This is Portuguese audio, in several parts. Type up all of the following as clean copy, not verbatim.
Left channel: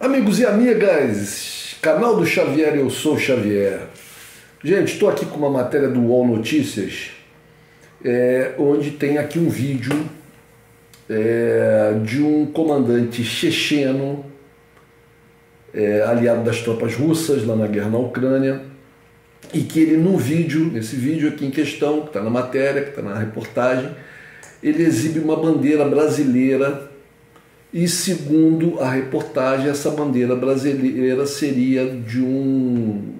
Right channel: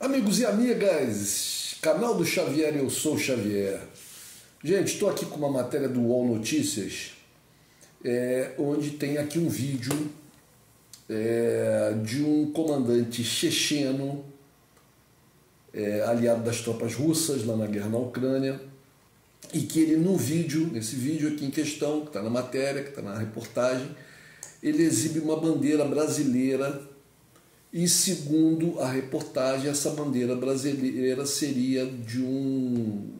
Amigos e amigas, canal do Xavier, eu sou o Xavier. Gente, estou aqui com uma matéria do UOL Notícias, onde tem aqui um vídeo de um comandante checheno, aliado das tropas russas lá na guerra na Ucrânia, e que ele nesse vídeo aqui em questão, que está na matéria, que está na reportagem, ele exibe uma bandeira brasileira. E segundo a reportagem, essa bandeira brasileira seria de um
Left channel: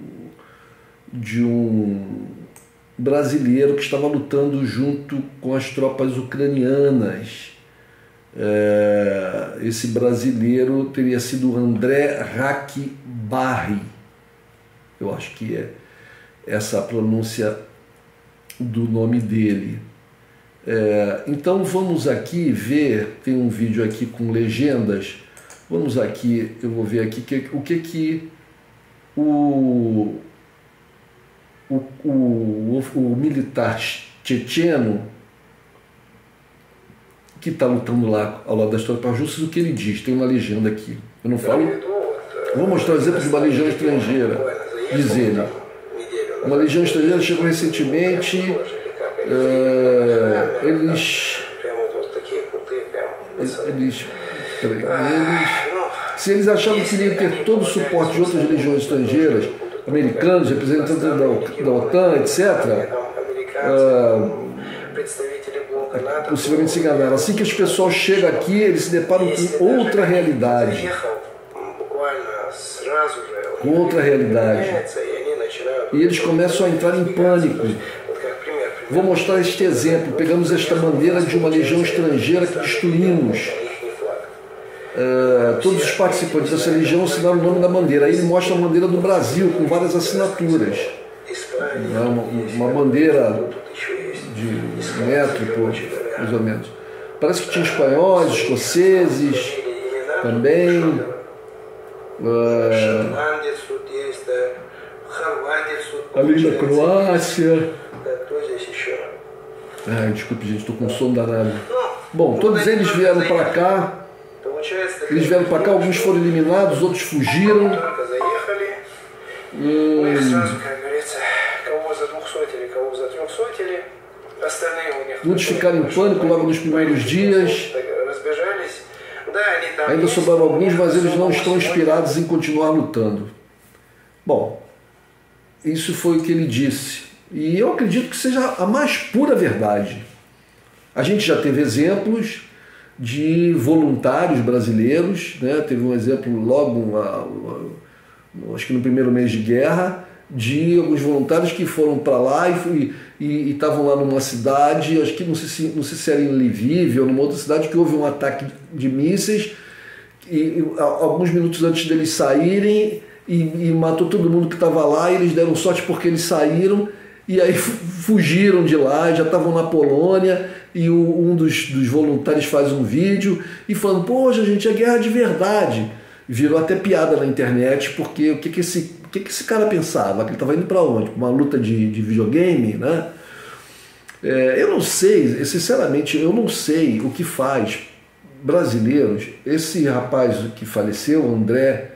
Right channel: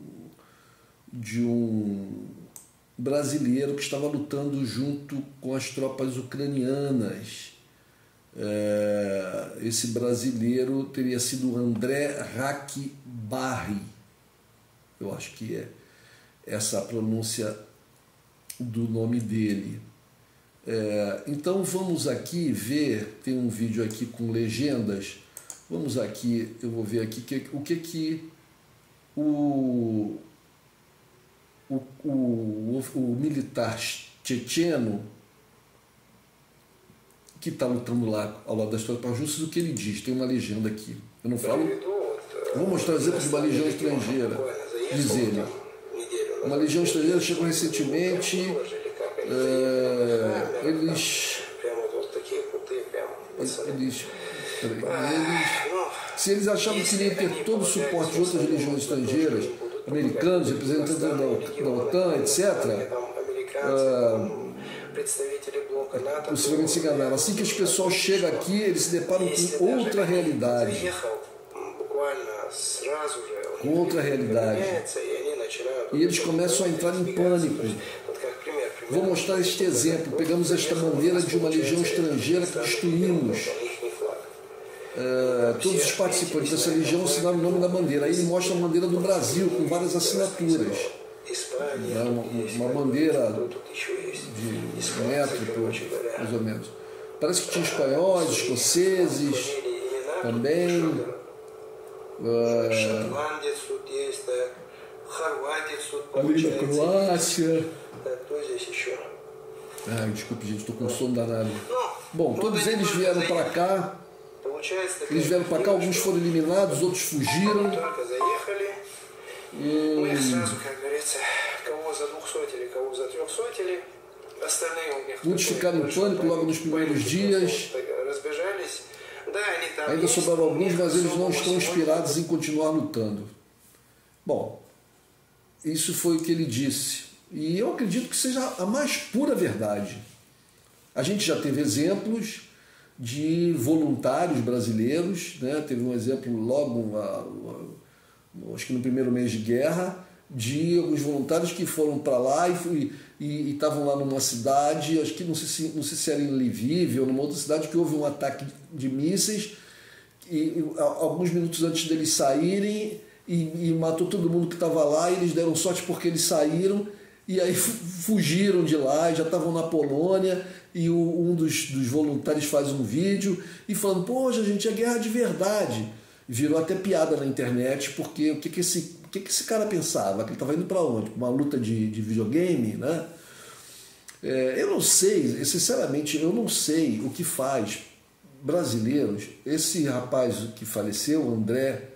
brasileiro que estava lutando junto com as tropas ucranianas. Esse brasileiro teria sido André Rakbarri. Eu acho que é essa a pronúncia do nome dele. Então vamos aqui ver, tem um vídeo aqui com legendas, vamos aqui, eu vou ver aqui o que o militar checheno que está lutando lá ao lado das tropas russas, o que ele diz, tem uma legenda aqui, eu não falo, vou mostrar um exemplo de uma legião estrangeira, diz ele, uma legião estrangeira chegou recentemente. Se eles achavam que iriam ter todo o suporte de outras legiões estrangeiras, americanos, representantes da OTAN, etc., possivelmente se enganaram. Assim que os pessoal chegam aqui, eles se deparam com outra realidade. E eles começam a entrar em pânico. Vou mostrar este exemplo. Pegamos esta bandeira de uma legião estrangeira que destruímos. Todos os participantes dessa legião assinaram o nome da bandeira. Aí ele mostra a bandeira do Brasil com várias assinaturas. Uma bandeira de metro, mais ou menos. Parece que tinha espanhóis, escoceses também. Ali na Croácia. Desculpe, gente, estou com sono danado. Bom, todos eles vieram para cá. Alguns foram eliminados, outros fugiram. Muitos ficaram em pânico logo nos primeiros dias. Ainda sobraram alguns, mas eles não estão inspirados em continuar lutando. Bom, isso foi o que ele disse. E eu acredito que seja a mais pura verdade. A gente já teve exemplos de voluntários brasileiros, né? Teve um exemplo logo, acho que no primeiro mês de guerra, de alguns voluntários que foram para lá e estavam lá numa cidade, acho que não sei se era em Lviv ou numa outra cidade, que houve um ataque de mísseis, e alguns minutos antes deles saírem, e matou todo mundo que estava lá, e eles deram sorte porque eles saíram, e aí fugiram de lá, já estavam na Polônia, e um dos voluntários faz um vídeo e falando, poxa gente, é guerra de verdade. Virou até piada na internet, porque o que esse cara pensava? Que ele estava indo para onde? Uma luta de videogame, né? Eu não sei, sinceramente, eu não sei o que faz brasileiros. Esse rapaz que faleceu, André,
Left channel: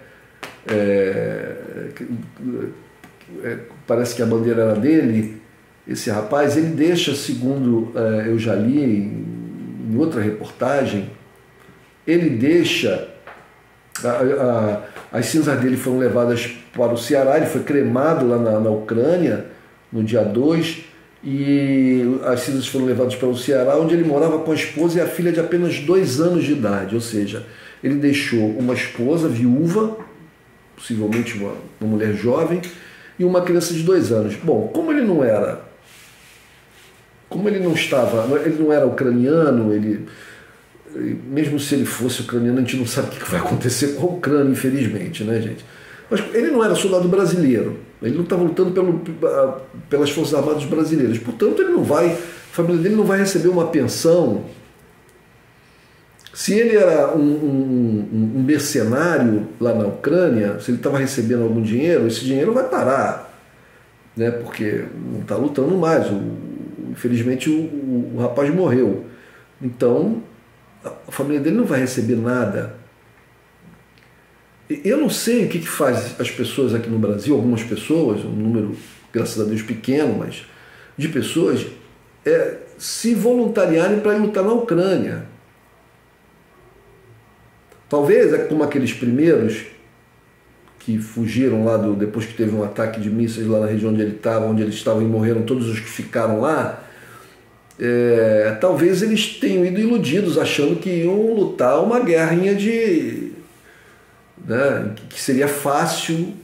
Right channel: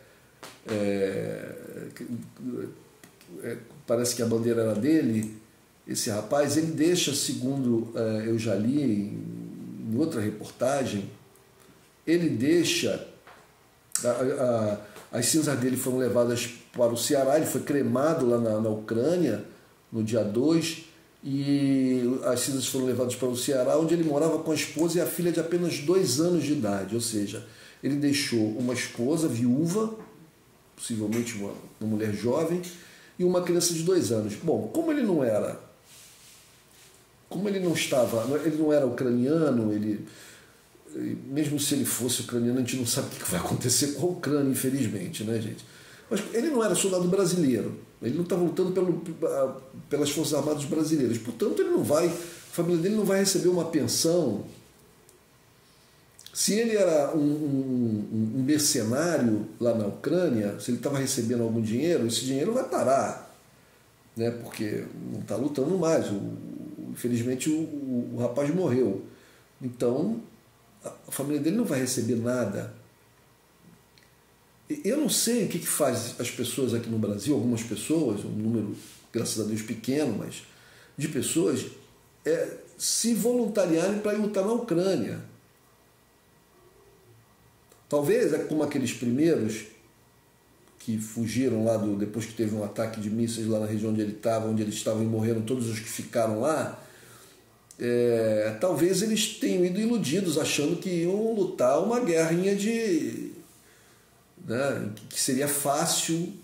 parece que a bandeira era dele, esse rapaz, ele deixa, segundo eu já li em outra reportagem, ele deixa, as cinzas dele foram levadas para o Ceará, ele foi cremado lá na Ucrânia, no dia 2, e as cinzas foram levadas para o Ceará, onde ele morava com a esposa e a filha de apenas 2 anos de idade, ou seja, ele deixou uma esposa viúva, possivelmente uma mulher jovem, e uma criança de 2 anos. Bom, como ele não era ucraniano, mesmo se ele fosse ucraniano, a gente não sabe o que vai acontecer com a Ucrânia, infelizmente, né, gente? Mas ele não era soldado brasileiro, ele não estava lutando pelas Forças Armadas brasileiras, portanto, a família dele não vai receber uma pensão. Se ele era um mercenário lá na Ucrânia, se ele estava recebendo algum dinheiro, esse dinheiro vai parar, né? Porque não está lutando mais. Infelizmente o rapaz morreu. Então a família dele não vai receber nada. Eu não sei o que faz as pessoas aqui no Brasil, algumas pessoas, um número, graças a Deus, pequeno, mas de pessoas, se voluntariarem para ir lutar na Ucrânia. Talvez é como aqueles primeiros que fugiram lá depois que teve um ataque de mísseis lá na região onde eles estavam e morreram todos os que ficaram lá. Talvez eles tenham ido iludidos, achando que iam lutar uma guerrinha que seria fácil,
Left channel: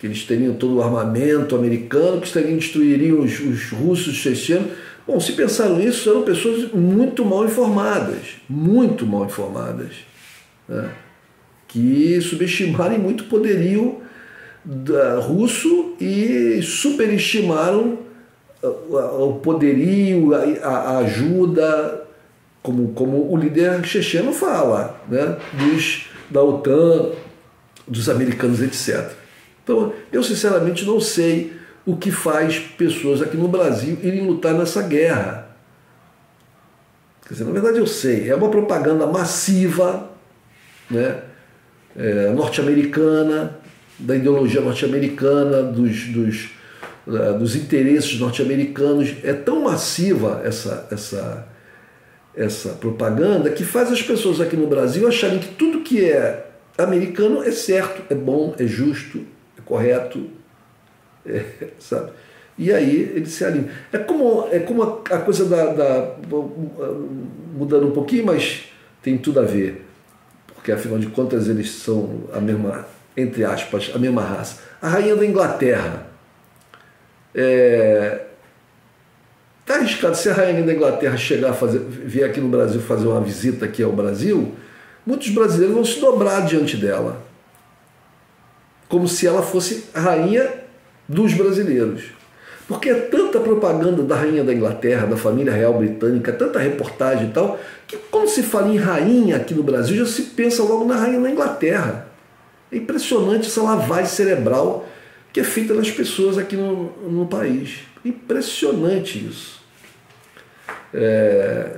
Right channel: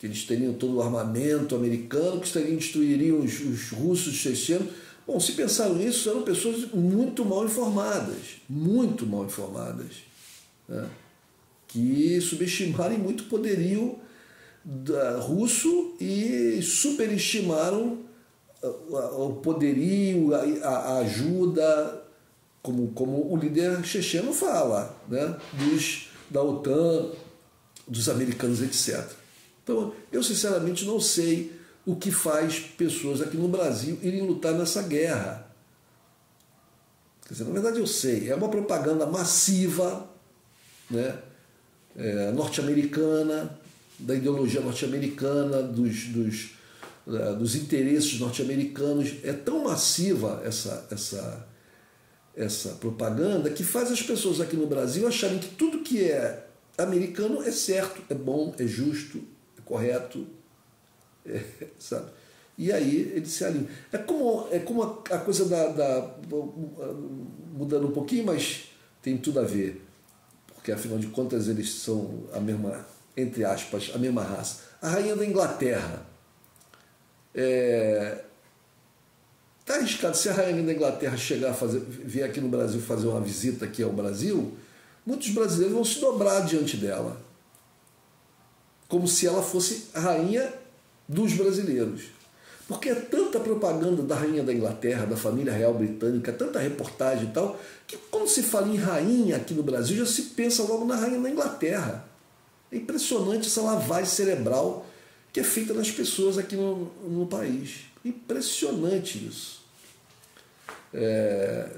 que eles teriam todo o armamento americano, que destruiriam os russos, os chechenos. Bom, se pensaram nisso, eram pessoas muito mal informadas, né? Que subestimaram muito o poderio russo e superestimaram o poderio, a ajuda, como o líder checheno fala, né? Da OTAN, dos americanos, etc. Então, eu sinceramente não sei o que faz pessoas aqui no Brasil irem lutar nessa guerra. Quer dizer, na verdade eu sei, é uma propaganda massiva, né? Norte-americana, da ideologia norte-americana, dos interesses norte-americanos. É tão massiva essa propaganda que faz as pessoas aqui no Brasil acharem que tudo que é americano é certo, é bom, é justo, é correto, sabe? E aí eles se alinham. É como a coisa mudando um pouquinho, mas tem tudo a ver, porque afinal de contas eles são a mesma, entre aspas, a mesma raça. A rainha da Inglaterra. Está arriscado, se a rainha da Inglaterra vier aqui no Brasil fazer uma visita aqui ao Brasil, muitos brasileiros vão se dobrar diante dela, como se ela fosse a rainha dos brasileiros. Porque é tanta propaganda da rainha da Inglaterra, da família real britânica, tanta reportagem e tal, que quando se fala em rainha aqui no Brasil, já se pensa logo na rainha da Inglaterra. É impressionante essa lavagem cerebral que é feita nas pessoas aqui no país. Impressionante isso.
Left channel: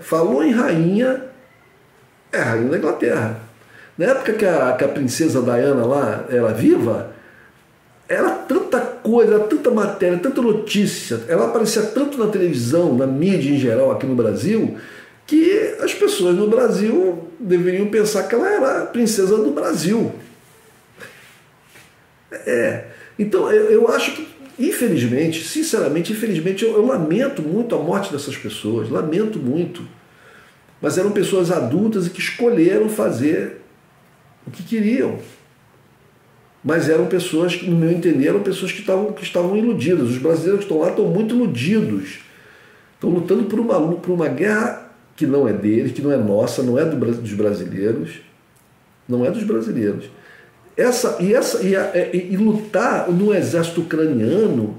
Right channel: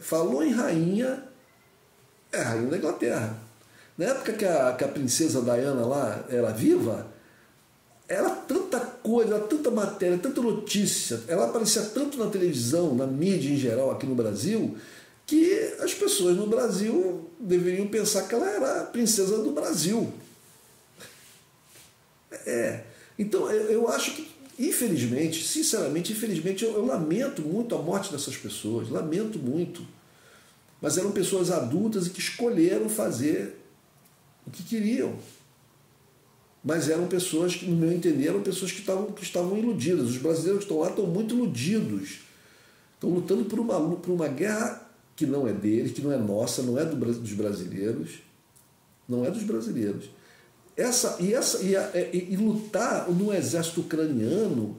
Falou em rainha, é a rainha da Inglaterra. Na época que a princesa Diana lá era viva, era tanta coisa, tanta matéria, tanta notícia, ela aparecia tanto na televisão, na mídia em geral aqui no Brasil, que as pessoas no Brasil deveriam pensar que ela era a princesa do Brasil. Então eu acho que, infelizmente, sinceramente, eu lamento muito a morte dessas pessoas, lamento muito. Mas eram pessoas adultas e que escolheram fazer o que queriam. Mas eram pessoas, no meu entender, eram pessoas que estavam iludidas. Os brasileiros que estão lá estão muito iludidos. Estão lutando por uma guerra que não é deles, que não é nossa, não é dos brasileiros. Não é dos brasileiros. E lutar no exército ucraniano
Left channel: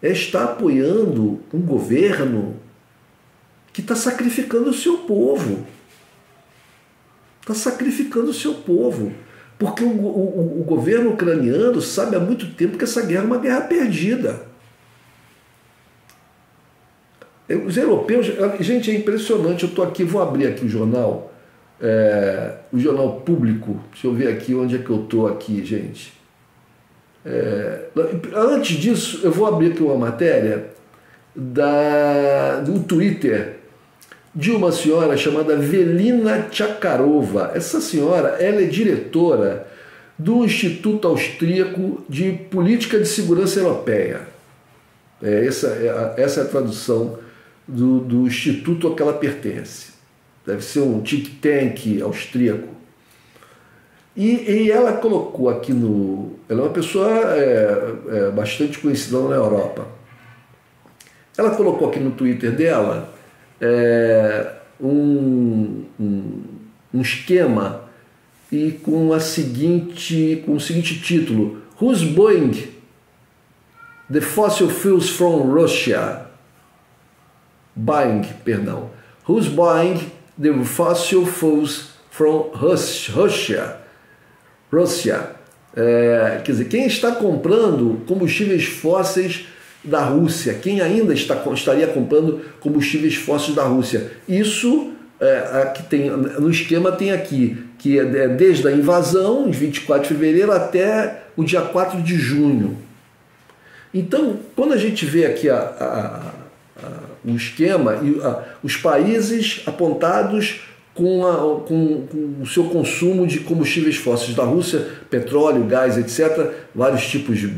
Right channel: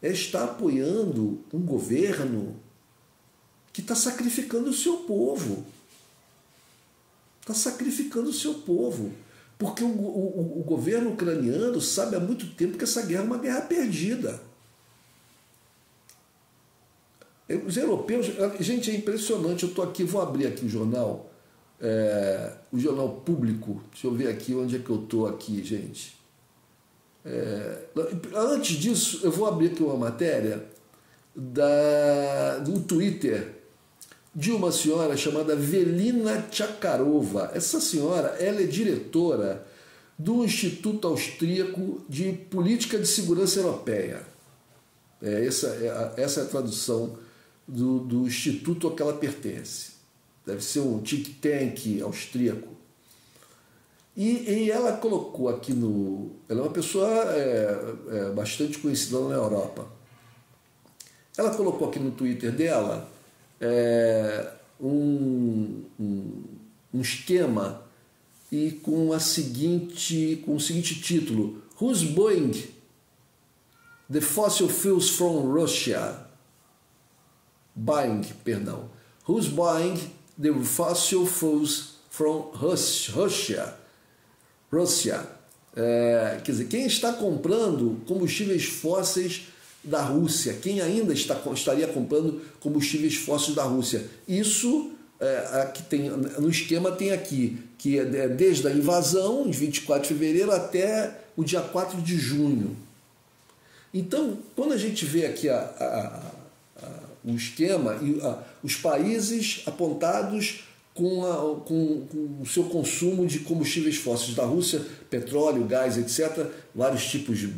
é estar apoiando um governo que está sacrificando o seu povo. Está sacrificando o seu povo. Porque o governo ucraniano sabe há muito tempo que essa guerra é uma guerra perdida. Os europeus... Gente, é impressionante. Eu estou aqui, vou abrir aqui o jornal Público. Deixa eu ver aqui onde é que eu estou aqui, gente. Antes disso, eu vou abrir aqui uma matéria do Twitter de uma senhora chamada Velina Chakarova. Essa senhora, ela é diretora do Instituto Austríaco de Política de Segurança Europeia. Essa é a tradução do instituto a que ela pertence. Deve ser um think tank austríaco. E ela colocou aqui ela é uma pessoa bastante conhecida na Europa. Ela colocou aqui no Twitter dela um esquema e com o seguinte título: Who's buying the fossil fuels from Russia? Who's buying the fossil fuels from Russia? Quer dizer, quem está comprando combustíveis fósseis da Rússia? Quem ainda estaria comprando combustíveis fósseis da Rússia? Isso aqui no esquema tem aqui que é desde a invasão, de 24 de fevereiro, até o dia 4 de junho. Então, quando a gente vê aqui o esquema, os países apontados com o seu consumo de combustíveis fósseis da Rússia, petróleo, gás, etc., vários tipos de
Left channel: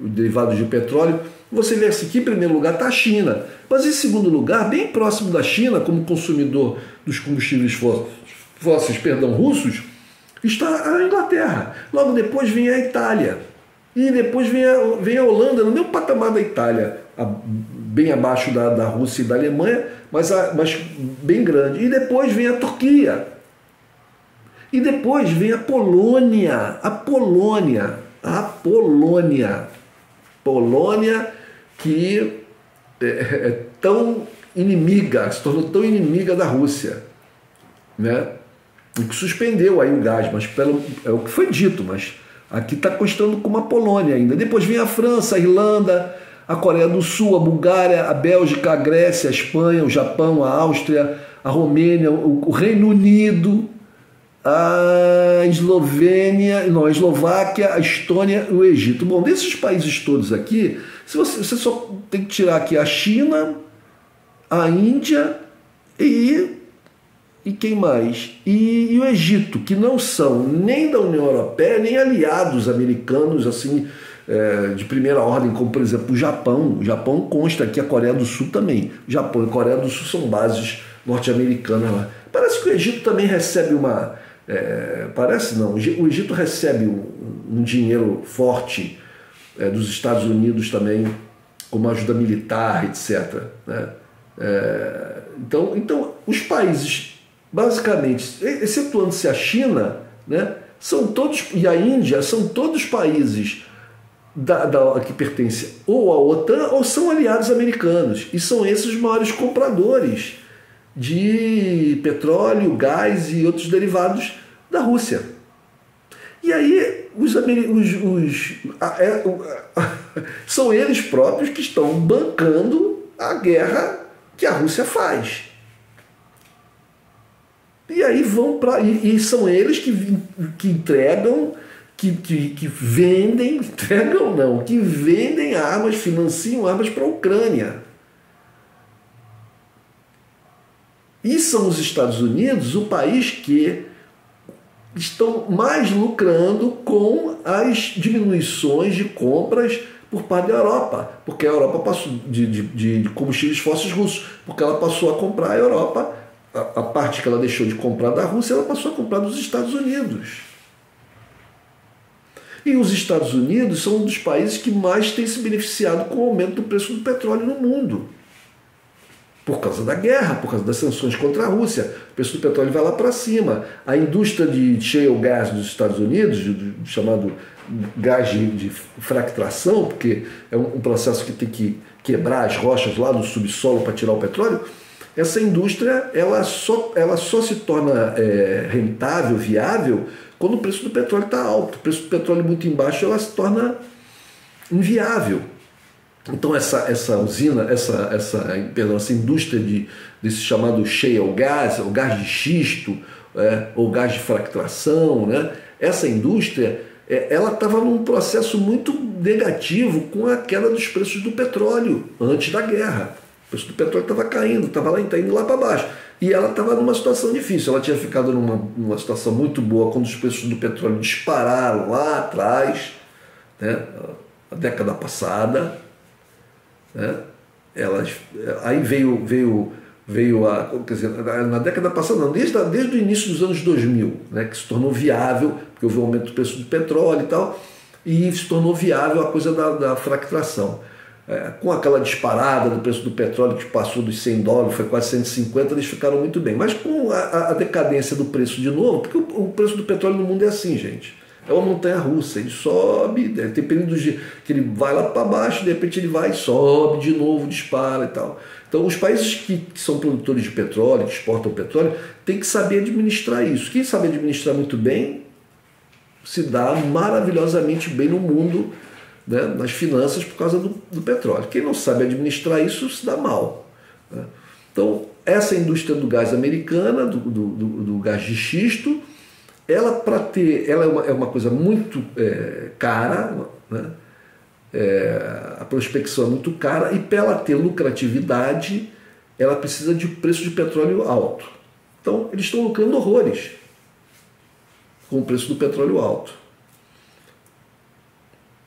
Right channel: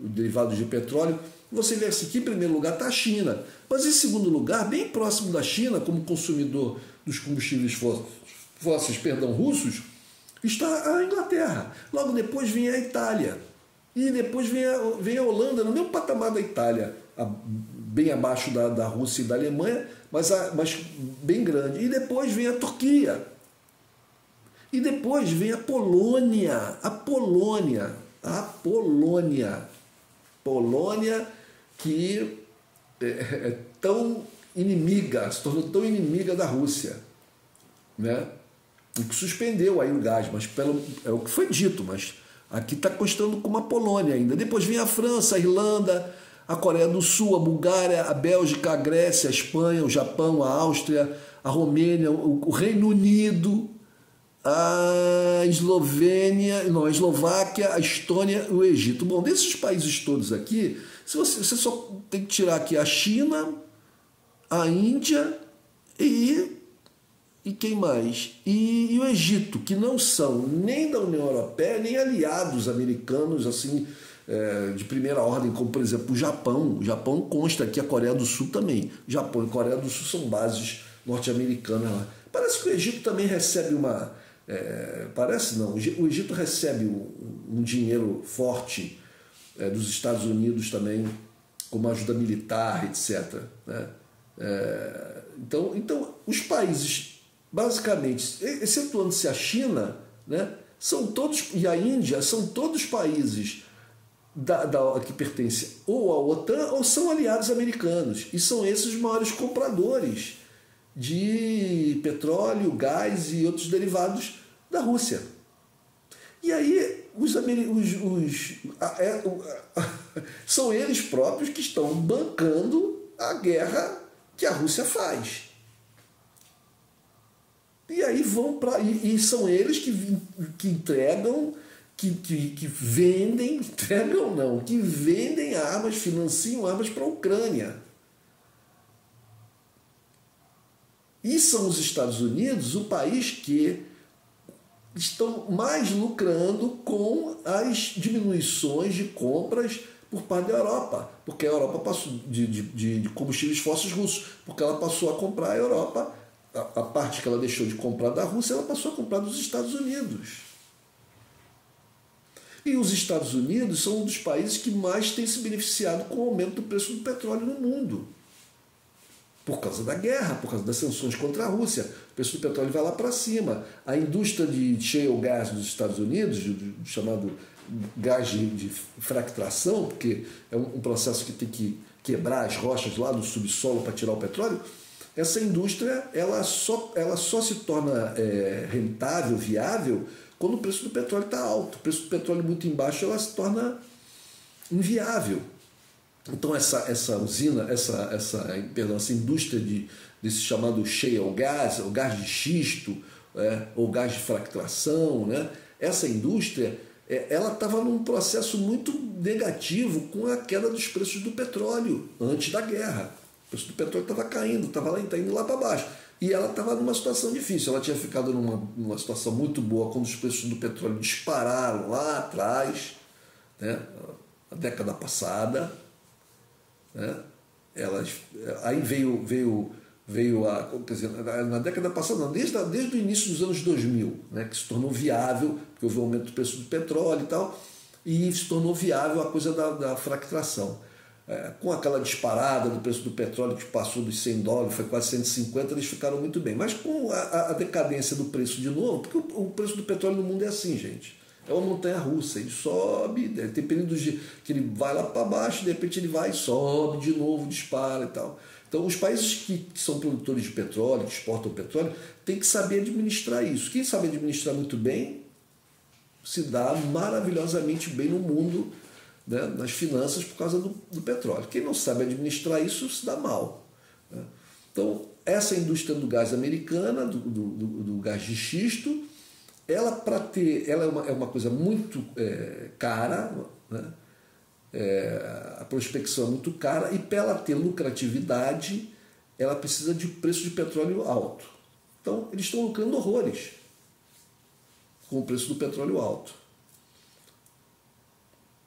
derivados de petróleo, você vê assim que em primeiro lugar está a China, mas em segundo lugar, bem próximo da China, como consumidor dos combustíveis fósseis, russos, está a Inglaterra. Logo depois vem a Itália. E depois vem a Holanda, no mesmo patamar da Itália, bem abaixo da Rússia e da Alemanha, mas bem grande. E depois vem a Turquia. E depois vem a Polônia. Polônia que é tão inimiga, se tornou tão inimiga da Rússia, né? E que suspendeu aí o gás, mas é o que foi dito, mas aqui está constando como a Polônia ainda. Depois vem a França, a Irlanda, a Coreia do Sul, a Bulgária, a Bélgica, a Grécia, a Espanha, o Japão, a Áustria, a Romênia, o Reino Unido, a Eslováquia, a Estônia e o Egito. Bom, desses países todos aqui, você só tem que tirar aqui a China, a Índia e quem mais? E o Egito, que não são nem da União Europeia, nem aliados americanos assim de primeira ordem, como por exemplo o Japão. O Japão consta aqui, a Coreia do Sul também. O Japão e a Coreia do Sul são bases norte-americanas lá. Parece que o Egito também recebe parece não, o Egito recebe um dinheiro forte dos Estados Unidos também, como ajuda militar, etc. Né? Então, os países, basicamente, excetuando-se a China, né, são todos, e a Índia, são todos países que pertencem ou à OTAN ou são aliados americanos. E são esses os maiores compradores de petróleo, gás e outros derivados da Rússia. E aí são eles próprios que estão bancando a guerra que a Rússia faz. E aí e são eles que entregam, que vendem, que vendem armas, financiam armas para a Ucrânia. E são os Estados Unidos o país que estão mais lucrando com as diminuições de compras por parte da Europa, porque a Europa passou de combustíveis fósseis russos, porque ela passou a comprar a Europa, a parte que ela deixou de comprar da Rússia, ela passou a comprar dos Estados Unidos. E os Estados Unidos são um dos países que mais tem se beneficiado com o aumento do preço do petróleo no mundo. Por causa da guerra, por causa das sanções contra a Rússia. O preço do petróleo vai lá para cima. A indústria de shale gas dos Estados Unidos, chamado gás de fractração, porque é um processo que tem que quebrar as rochas lá no subsolo para tirar o petróleo, essa indústria ela só se torna rentável, viável, quando o preço do petróleo está alto. O preço do petróleo muito embaixo, ela se torna inviável. Então essa usina, essa indústria desse chamado shale gas, o gás de xisto, ou gás de fractração, né? Essa indústria ela estava num processo muito negativo com a queda dos preços do petróleo antes da guerra. O preço do petróleo estava caindo, estava indo lá para baixo. E ela estava numa situação difícil. Ela tinha ficado numa situação muito boa quando os preços do petróleo dispararam lá atrás, né? A década passada. Né? Aí veio quer dizer, na década passada, não, desde o início dos anos 2000, né, que se tornou viável, porque houve um aumento do preço do petróleo e tal, e se tornou viável a coisa da fractração. Com aquela disparada do preço do petróleo que passou dos $100, foi quase 150, eles ficaram muito bem. Mas com a decadência do preço de novo, porque o preço do petróleo no mundo é assim, gente. É uma montanha-russa, ele sobe, tem períodos que ele vai lá para baixo, de repente ele vai, sobe de novo, dispara e tal. Então os países que são produtores de petróleo, que exportam petróleo, tem que saber administrar isso. Quem sabe administrar muito bem, se dá maravilhosamente bem no mundo, né, nas finanças por causa do petróleo. Quem não sabe administrar isso, se dá mal. Né? Então essa indústria do gás americana, do gás de xisto, ela é uma coisa muito cara, né? A prospecção é muito cara, e para ela ter lucratividade, ela precisa de preço de petróleo alto. Então, eles estão lucrando horrores com o preço do petróleo alto.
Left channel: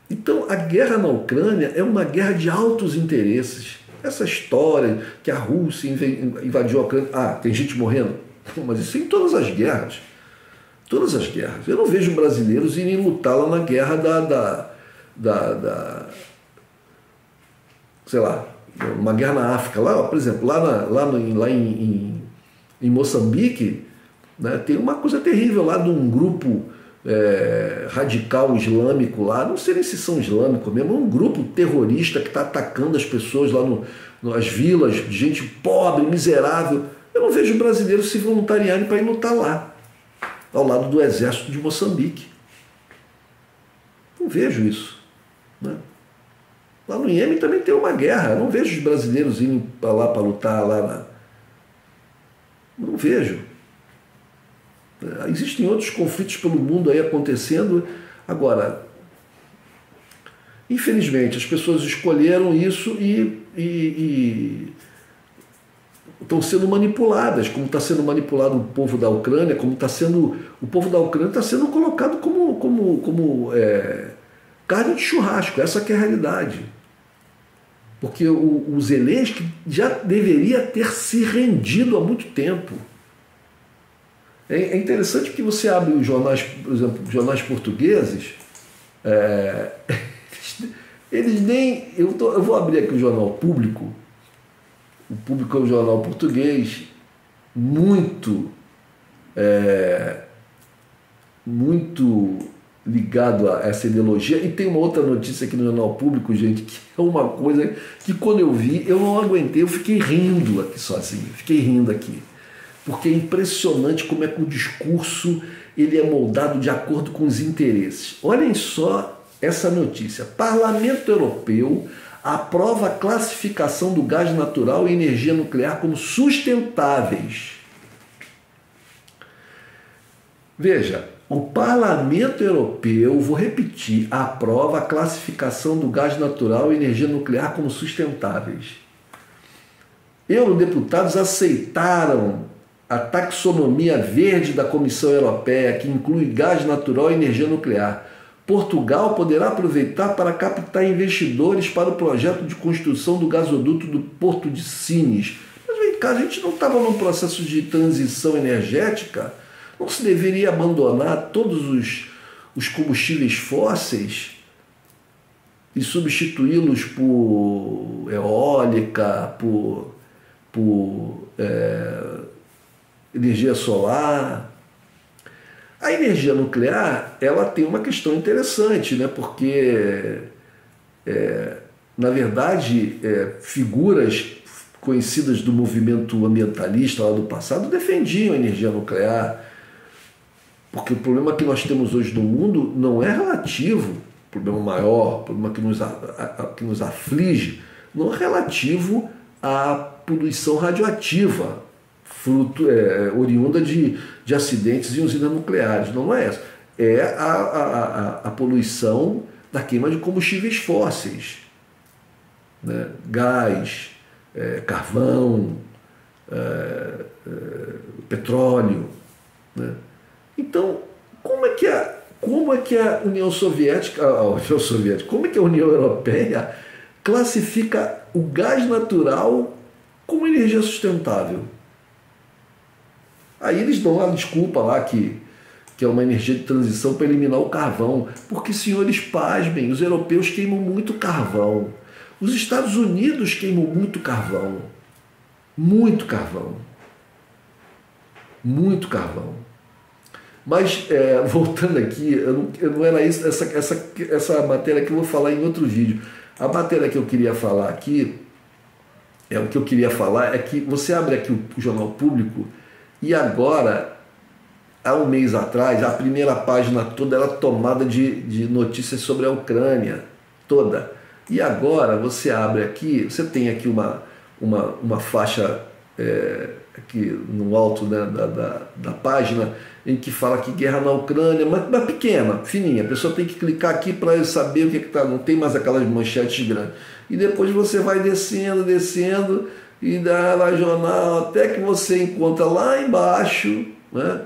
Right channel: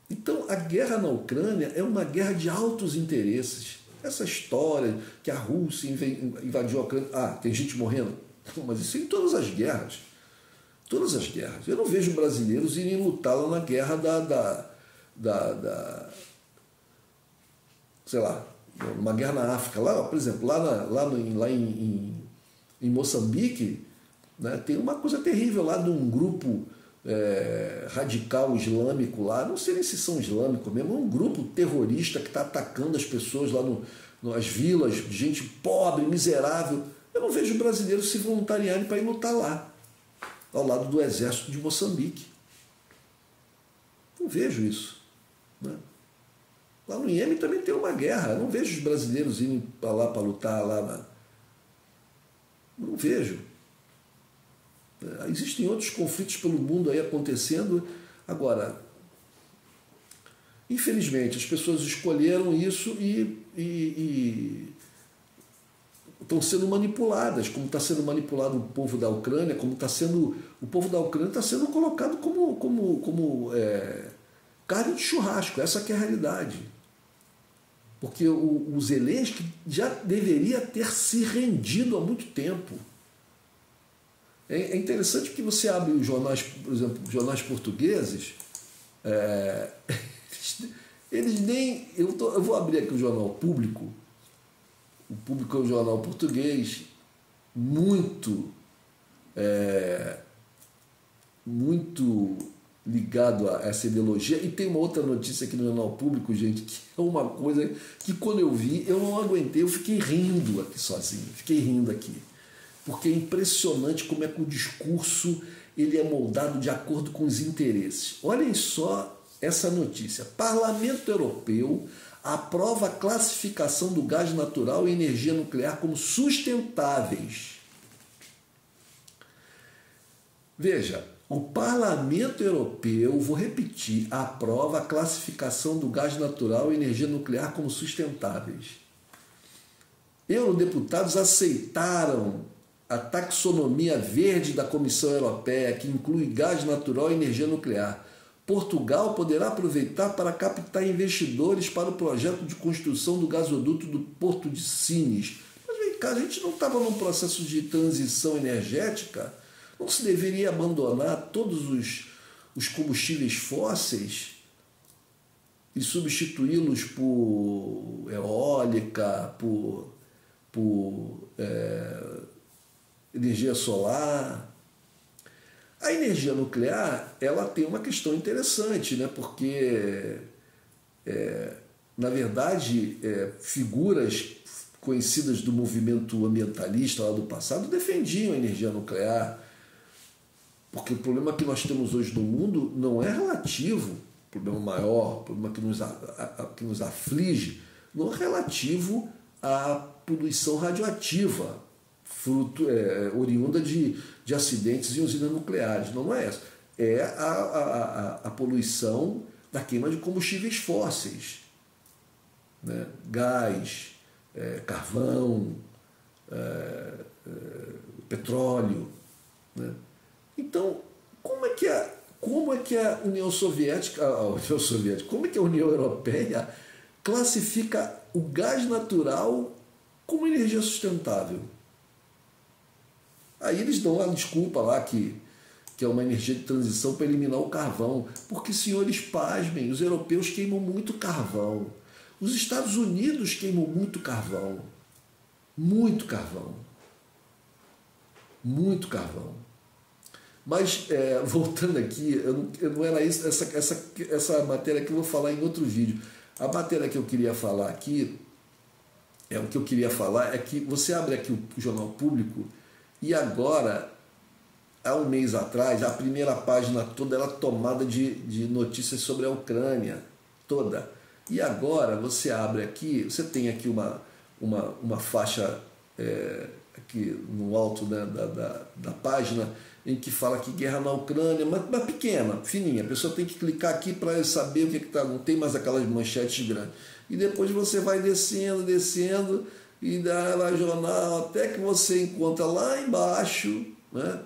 Então, a guerra na Ucrânia é uma guerra de altos interesses. Essa história que a Rússia invadiu a Ucrânia... tem gente morrendo? Mas isso é em todas as guerras. Todas as guerras. Eu não vejo brasileiros irem lutar lá na guerra sei lá, uma guerra na África. Lá, por exemplo, lá em Moçambique, né, tem uma coisa terrível lá de um grupo radical islâmico lá, não sei nem se são islâmicos mesmo, é um grupo terrorista que está atacando as pessoas lá nas vilas, gente pobre, miserável. Eu não vejo brasileiros se voluntariarem para ir lutar lá, ao lado do exército de Moçambique. Não vejo isso, né? Lá no Iêmen também tem uma guerra, eu não vejo os brasileiros indo para lá para lutar lá. Não vejo. Existem outros conflitos pelo mundo aí acontecendo. Agora, infelizmente, as pessoas escolheram isso e estão sendo manipuladas, como está sendo manipulado o povo da Ucrânia, como está sendo... O povo da Ucrânia está sendo colocado como carne de churrasco, essa que é a realidade. Porque o Zelensky já deveria ter se rendido há muito tempo. É interessante que você abre os jornais, por exemplo, jornais portugueses, eles nem... Eu vou abrir aqui o Jornal Público. O Público é um jornal português muito ligado a essa ideologia. E tem uma outra notícia aqui no Jornal Público, gente, que é uma coisa que quando eu vi, eu não aguentei, eu fiquei rindo aqui sozinho, fiquei rindo aqui. Porque é impressionante como é que o discurso ele é moldado de acordo com os interesses. Olhem só essa notícia. Parlamento Europeu aprova a classificação do gás natural e energia nuclear como sustentáveis. Veja, o Parlamento Europeu, vou repetir, aprova a classificação do gás natural e energia nuclear como sustentáveis. Eurodeputados aceitaram a taxonomia verde da Comissão Europeia, que inclui gás natural e energia nuclear. Portugal poderá aproveitar para captar investidores para o projeto de construção do gasoduto do Porto de Sines. Mas vem cá, a gente não estava num processo de transição energética? Não se deveria abandonar todos os combustíveis fósseis e substituí-los por eólica, por energia solar? A energia nuclear, ela tem uma questão interessante, né? Porque, na verdade, figuras conhecidas do movimento ambientalista lá do passado defendiam a energia nuclear, porque o problema que nós temos hoje no mundo não é relativo, problema maior, problema que nos aflige, não é relativo à poluição radioativa, oriunda de acidentes em usinas nucleares. Não é essa. É a poluição da queima de combustíveis fósseis, né? Gás, carvão, petróleo, né? Então, como é que a União Soviética, como é que a União Europeia classifica o gás natural como energia sustentável? Aí eles dão uma desculpa lá que é uma energia de transição para eliminar o carvão. Porque, senhores, pasmem, os europeus queimam muito carvão. Os Estados Unidos queimam muito carvão. Muito carvão. Muito carvão. Mas, voltando aqui, não era isso, essa matéria que eu vou falar em outro vídeo. A matéria que eu queria falar aqui, o que eu queria falar é que você abre aqui o Jornal Público e agora, há um mês atrás, a primeira página toda era tomada de notícias sobre a Ucrânia, toda. E agora você abre aqui, você tem aqui uma faixa aqui no alto, né, da página, em que fala que guerra na Ucrânia, mas pequena, fininha. A pessoa tem que clicar aqui para saber o que está. Não tem mais aquelas manchetes grandes. E depois você vai descendo, descendo, e dá lá jornal, até que você encontra lá embaixo, né?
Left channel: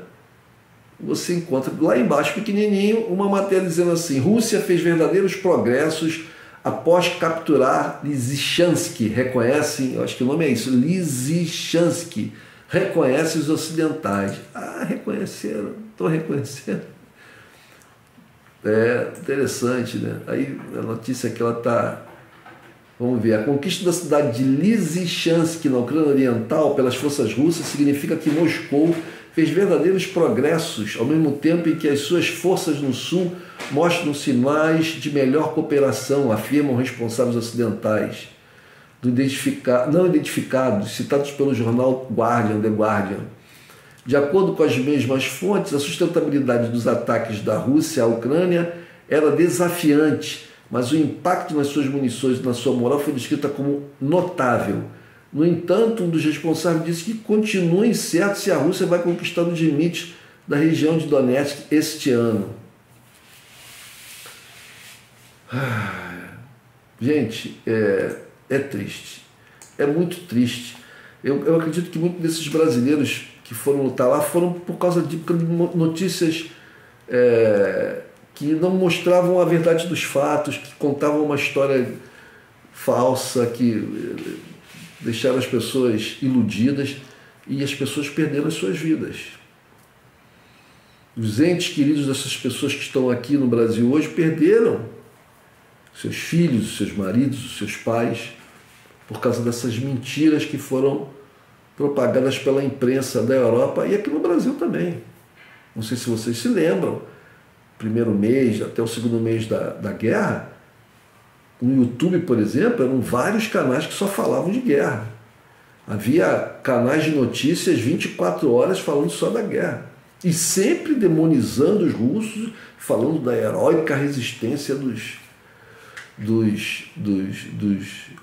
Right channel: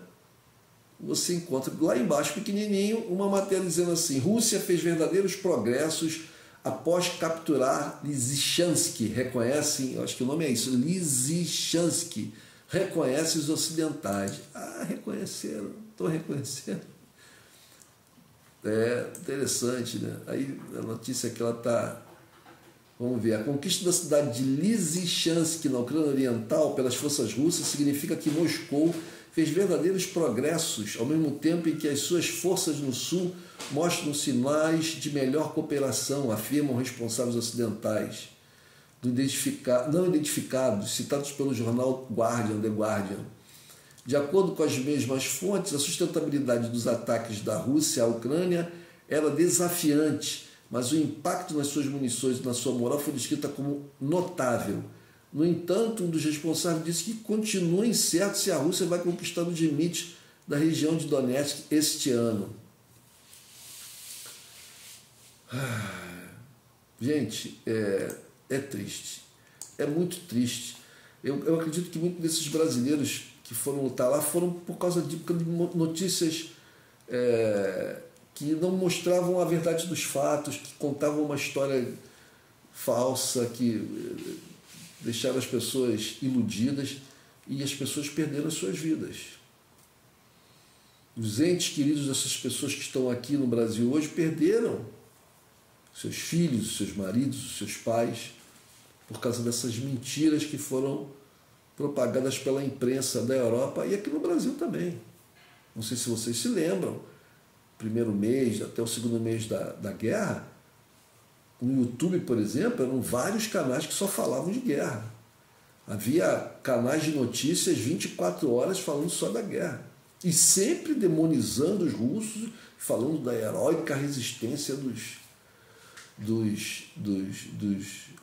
Você encontra lá embaixo, pequenininho, uma matéria dizendo assim: Rússia fez verdadeiros progressos após capturar Lysychansk. Reconhecem, eu acho que o nome é isso, Lysychansk. Reconhece os ocidentais. Ah, reconheceram, estão reconhecendo. É interessante, né? Aí a notícia aqui, ela está... Vamos ver. A conquista da cidade de Lysychansk, na Ucrânia Oriental, pelas forças russas, significa que Moscou fez verdadeiros progressos, ao mesmo tempo em que as suas forças no sul mostram sinais de melhor cooperação, afirmam responsáveis ocidentais não identificados, citados pelo jornal The Guardian. De acordo com as mesmas fontes, a sustentabilidade dos ataques da Rússia à Ucrânia era desafiante, mas o impacto nas suas munições e na sua moral foi descrita como notável. No entanto, um dos responsáveis disse que continua incerto se a Rússia vai conquistar os limites da região de Donetsk este ano. Gente, é triste, é muito triste. Eu acredito que muitos desses brasileiros que foram lutar lá foram por causa de notícias que não mostravam a verdade dos fatos, que contavam uma história falsa, que deixaram as pessoas iludidas e as pessoas perderam as suas vidas. Os entes queridos dessas pessoas que estão aqui no Brasil hoje perderam seus filhos, seus maridos, seus pais, por causa dessas mentiras que foram propagadas pela imprensa da Europa e aqui no Brasil também. Não sei se vocês se lembram, primeiro mês até o segundo mês da guerra, no YouTube, por exemplo, eram vários canais que só falavam de guerra. Havia canais de notícias 24 horas falando só da guerra. E sempre demonizando os russos, falando da heróica resistência dos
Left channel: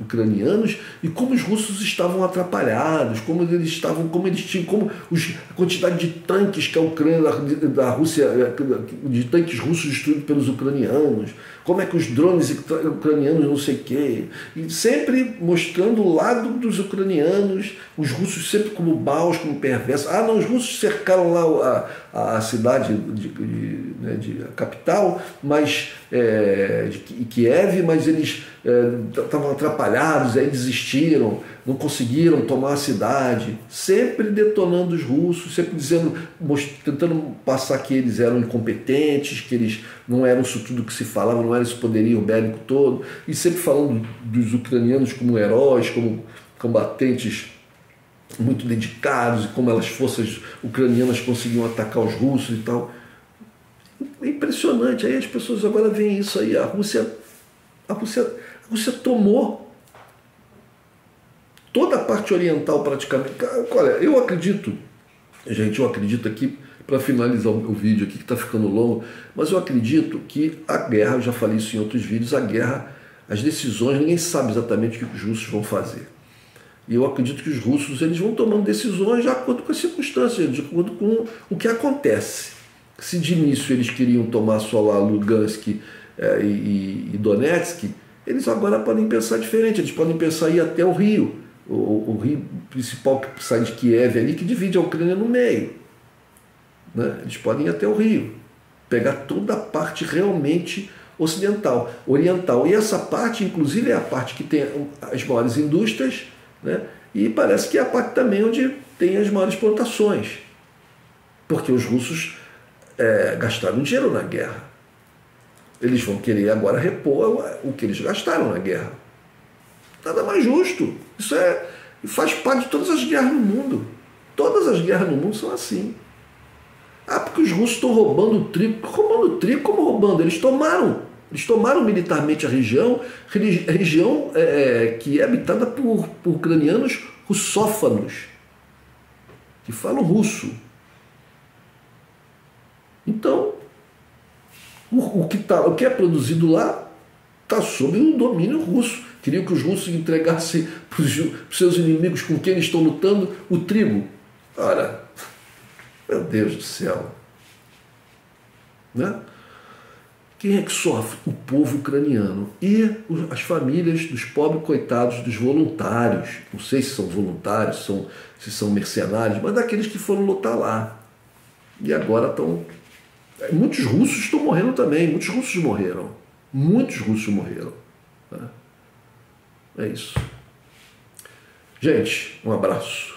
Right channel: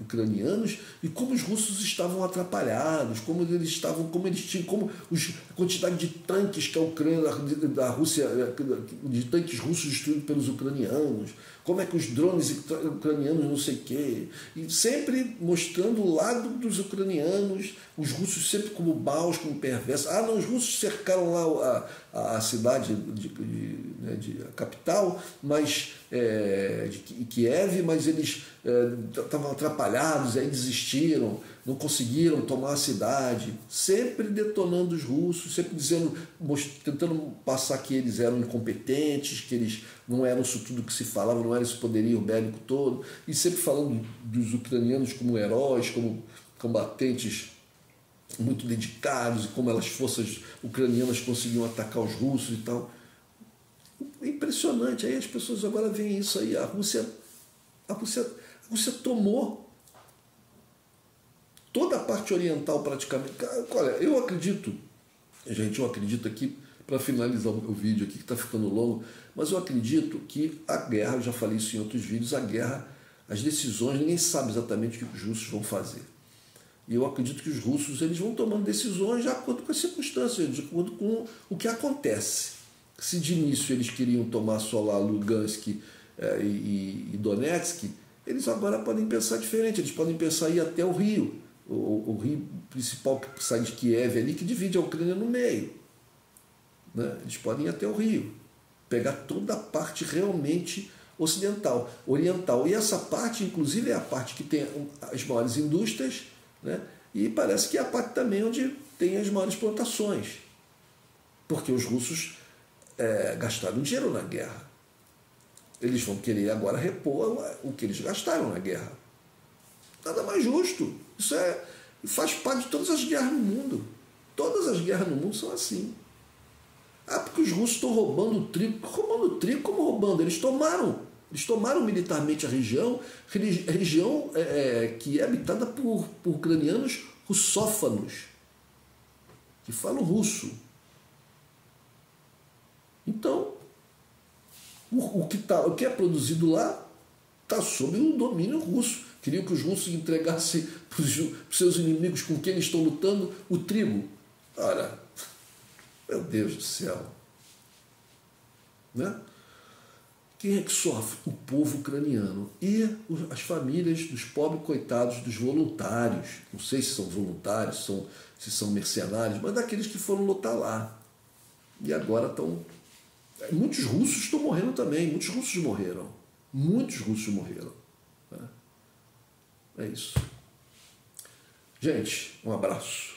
ucranianos e como os russos estavam atrapalhados, como a quantidade de tanques que a Ucrânia, da Rússia, de tanques russos destruídos pelos ucranianos, como é que os drones ucranianos não sei o quê, e sempre mostrando o lado dos ucranianos, os russos sempre como maus, como perversos. Ah, não, os russos cercaram lá a cidade a capital, mas de Kiev, mas eles estavam atrapalhados, aí desistiram, não conseguiram tomar a cidade, sempre detonando os russos, sempre tentando passar que eles eram incompetentes, que eles não eram isso tudo que se falava, não era esse poderio bélico todo, e sempre falando dos ucranianos como heróis, como combatentes muito dedicados, e como as forças ucranianas conseguiam atacar os russos e tal. É impressionante. Aí as pessoas agora veem isso aí. A Rússia tomou toda a parte oriental praticamente. Olha, eu acredito aqui, para finalizar o vídeo aqui que está ficando longo, mas eu acredito que a guerra, eu já falei isso em outros vídeos, as decisões, ninguém sabe exatamente o que os russos vão fazer. E eu acredito que os russos eles vão tomando decisões de acordo com as circunstâncias, de acordo com o que acontece. Se de início eles queriam tomar só lá Lugansk e Donetsk, eles agora podem pensar diferente, eles podem pensar em ir até o rio, o rio principal que sai de Kiev ali, que divide a Ucrânia no meio. Né? Eles podem ir até o rio, pegar toda a parte realmente oriental. E essa parte, inclusive, é a parte que tem as maiores indústrias, né? E parece que é a parte também onde tem as maiores plantações, porque os russos gastaram dinheiro na guerra. Eles vão querer agora repor o que eles gastaram na guerra. Nada mais justo. Isso faz parte de todas as guerras no mundo. Todas as guerras no mundo são assim. Ah, porque os russos estão roubando o trigo. Roubando o trigo? Como roubando? Eles tomaram militarmente a região que é habitada por ucranianos russófanos, que falam russo. Então, o que é produzido lá está sob o domínio russo. Queriam que os russos entregassem para os seus inimigos com quem eles estão lutando o trigo. Ora, meu Deus do céu. né? Quem é que sofre? O povo ucraniano e as famílias dos pobres coitados dos voluntários. Não sei se são voluntários, se são mercenários, mas daqueles que foram lutar lá. E agora estão... Muitos russos estão morrendo também, muitos russos morreram. Muitos russos morreram. É isso. Gente, um abraço.